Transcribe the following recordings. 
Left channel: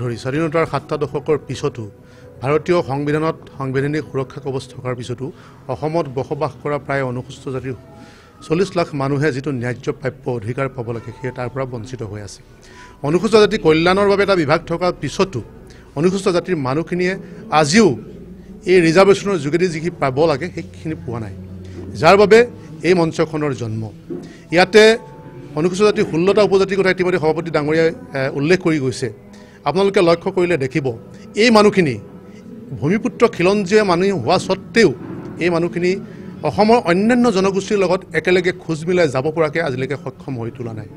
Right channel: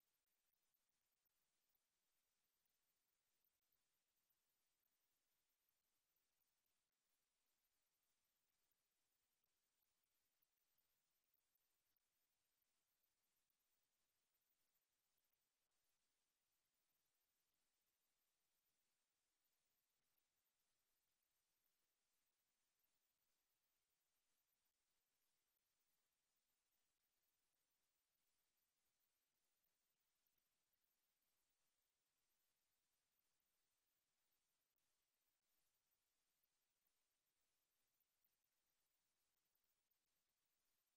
ধৰি স্বাধীনতাৰ ৭টা দশকৰ পিছতো ভাৰতীয় সংবিধানত সাংবিধানিক সুৰক্ষা কৱচ থকাৰ পিছতো অসমত বসবাস কৰা প্ৰায় অনুসূচিত জাতিৰ 40 লাখ মানুহে যিটো ন্যায্য প্ৰাপ্য অধিকাৰ পাব লাগে সেই তাৰ পৰা বঞ্চিত হৈ আছে। অনুসূচিত জাতি কল্যাণৰ বাবে এটা বিভাগ থকাৰ পিছতো অনুসূচিত জাতিৰ মানুহখিনিয়ে আজিও এই ৰিজাৰ্ভেশ্যনৰ যোগেদি যিখিনি পাব লাগে সেইখিনি পোৱা নাই, যাৰ বাবে এই মঞ্চখনৰ জন্ম। ইয়াতে অনুসূচিত জাতিৰ 16টা উপজাতিৰ কথা ইতিমধ্যে সভাপতি ডাঙৰীয়াই উল্লেখ কৰি গৈছে। আপোনালোকে লক্ষ্য কৰিলে দেখিব এই মানুহখিনি ভূমিপুত্ৰ খিলঞ্জীয়া মানুহ হোৱা স্বত্তেও এই মানুহখিনি অসমৰ অন্যান্য জনগোষ্ঠীৰ লগত একেলগে খোজ মিলাই যাব পৰাকৈ আজিলৈকে সক্ষম হৈ তোলা নাই।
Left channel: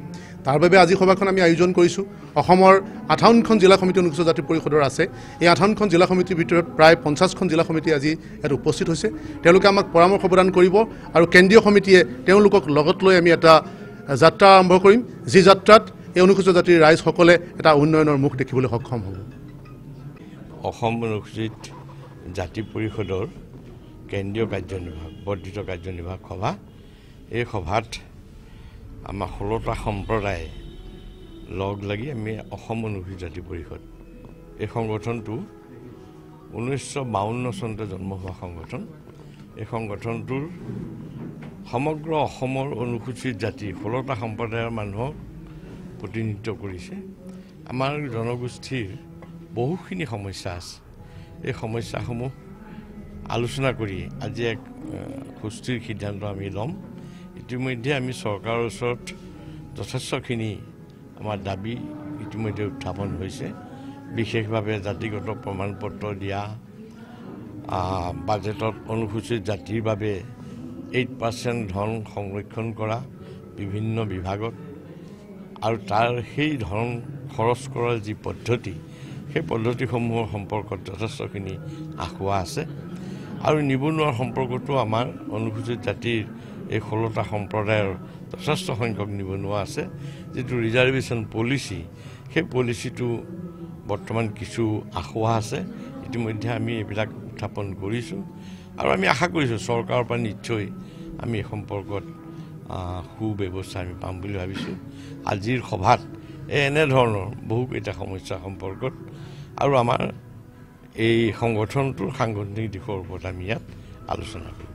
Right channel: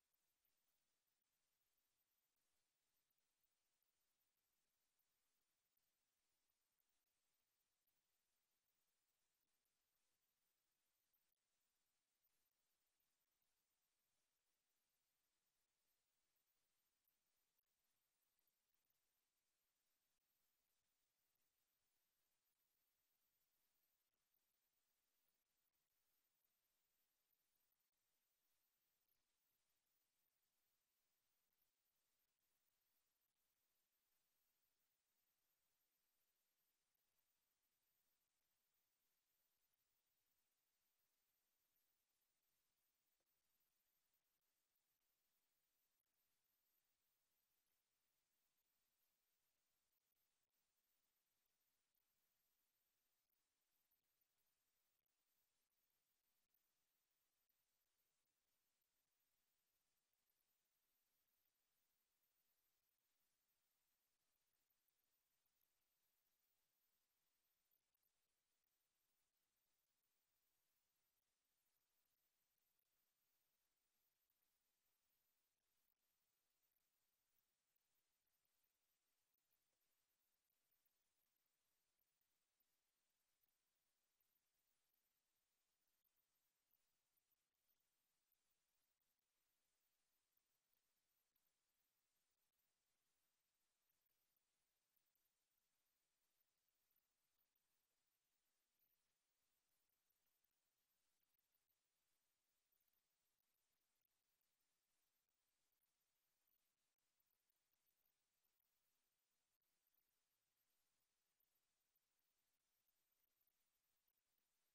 তাৰ বাবে আজি সভাখন আমি আয়োজন কৰিছোঁ। অসমৰ 58খন জিলা সমিতি অনুসূচিত জাতি পৰিষদৰ আছে। এই 58খন জিলা সমিতিৰ ভিতৰত প্ৰায় 50খন জিলা সমিতি আজি ইয়াত উপস্থিত হৈছে। তেওঁলোকে আমাক পৰামৰ্শ প্ৰদান কৰিব আৰু কেন্দ্ৰীয় সমিতিয়ে তেওঁলোকক লগত লৈ আমি এটা যাত্ৰা আৰম্ভ কৰিম, যি যাত্ৰাত এই অনুসূচিত জাতিৰ ৰাইজসকলে এটা উন্নয়নৰ মুখ দেখিবলৈ সক্ষম হ'ব। অসম অনুসূচিত জাতি পৰিষদৰ কেন্দ্ৰীয় কাৰ্যনিৰ্বাহক বৰ্ধিত কাৰ্যনিৰ্বাহক সভা, এই সভাত আমাৰ 16টা সম্প্ৰদায়ে লগ লাগি আমি অসম অনুসূচিত জাতি পৰিষদ, এই সংগঠনটো 1952 চনতে জন্ম হোৱা সংগঠন। এই সংগঠনটোৰ সমগ্ৰ অসমৰ অনুসূচিত জাতি 16টা সম্প্ৰদায়ৰ মানুহক প্ৰতিনিধিত্ব কৰিছে। আমাৰ জনগোষ্ঠীৰ বহুখিনি সমস্যা আছে। এই সমস্যাসমূহ আলোচনা কৰি আজি এক সুস্থিৰ সিদ্ধান্ত আমি ল'ম। ইতিমধ্যে আমি চৰকাৰৰ ওচৰত যথেষ্টখিনি আমাৰ দাবী ইতিমধ্যে উত্থাপন হৈছে। বিশেষভাৱে জাতিগত প্ৰমাণপত্ৰ দিয়া, বাজেটত অনুসূচিত জাতিৰ বাবে 8% ধন সংৰক্ষণ কৰা বিভিন্ন বিভাগত, আৰু তাৰ সেই ধন খৰচ কৰাৰ যি পদ্ধতি, সেই পদ্ধতিসমূহৰ সম্পৰ্কত যথেষ্টখিনি আশা আছে। আৰু নিবনুৱাৰ সম্পৰ্কতো আমাৰ অনুসূচিত জাতিৰ এই 16টা সম্প্ৰদায়ৰ যথেষ্ট সংখ্যক নিবনুৱা আছে। যিটো ৰিজাৰ্ভেশ্যন পলিচি, সেই পলিচিটো বৰ্তমান কিছু আশা আছে। ইতিমধ্যে আমি এইবিলাক উত্থাপন কৰিছোঁ আৰু আমি আশা কৰিছোঁ চৰকাৰৰ পৰা নিশ্চয় আমি এই সম্পৰ্কত সুব্যৱস্থা আমি পাম বুলি ভাবিছোঁ। আজিৰ সভাত এনেধৰণৰ বহুকেইটা সমস্যা সম্পৰ্কত আৰু আমাৰ এই সংগঠনটোৰ সাংগঠনিক দিশৰ ওপৰত আমি ইয়াত আলোচনা কৰিম।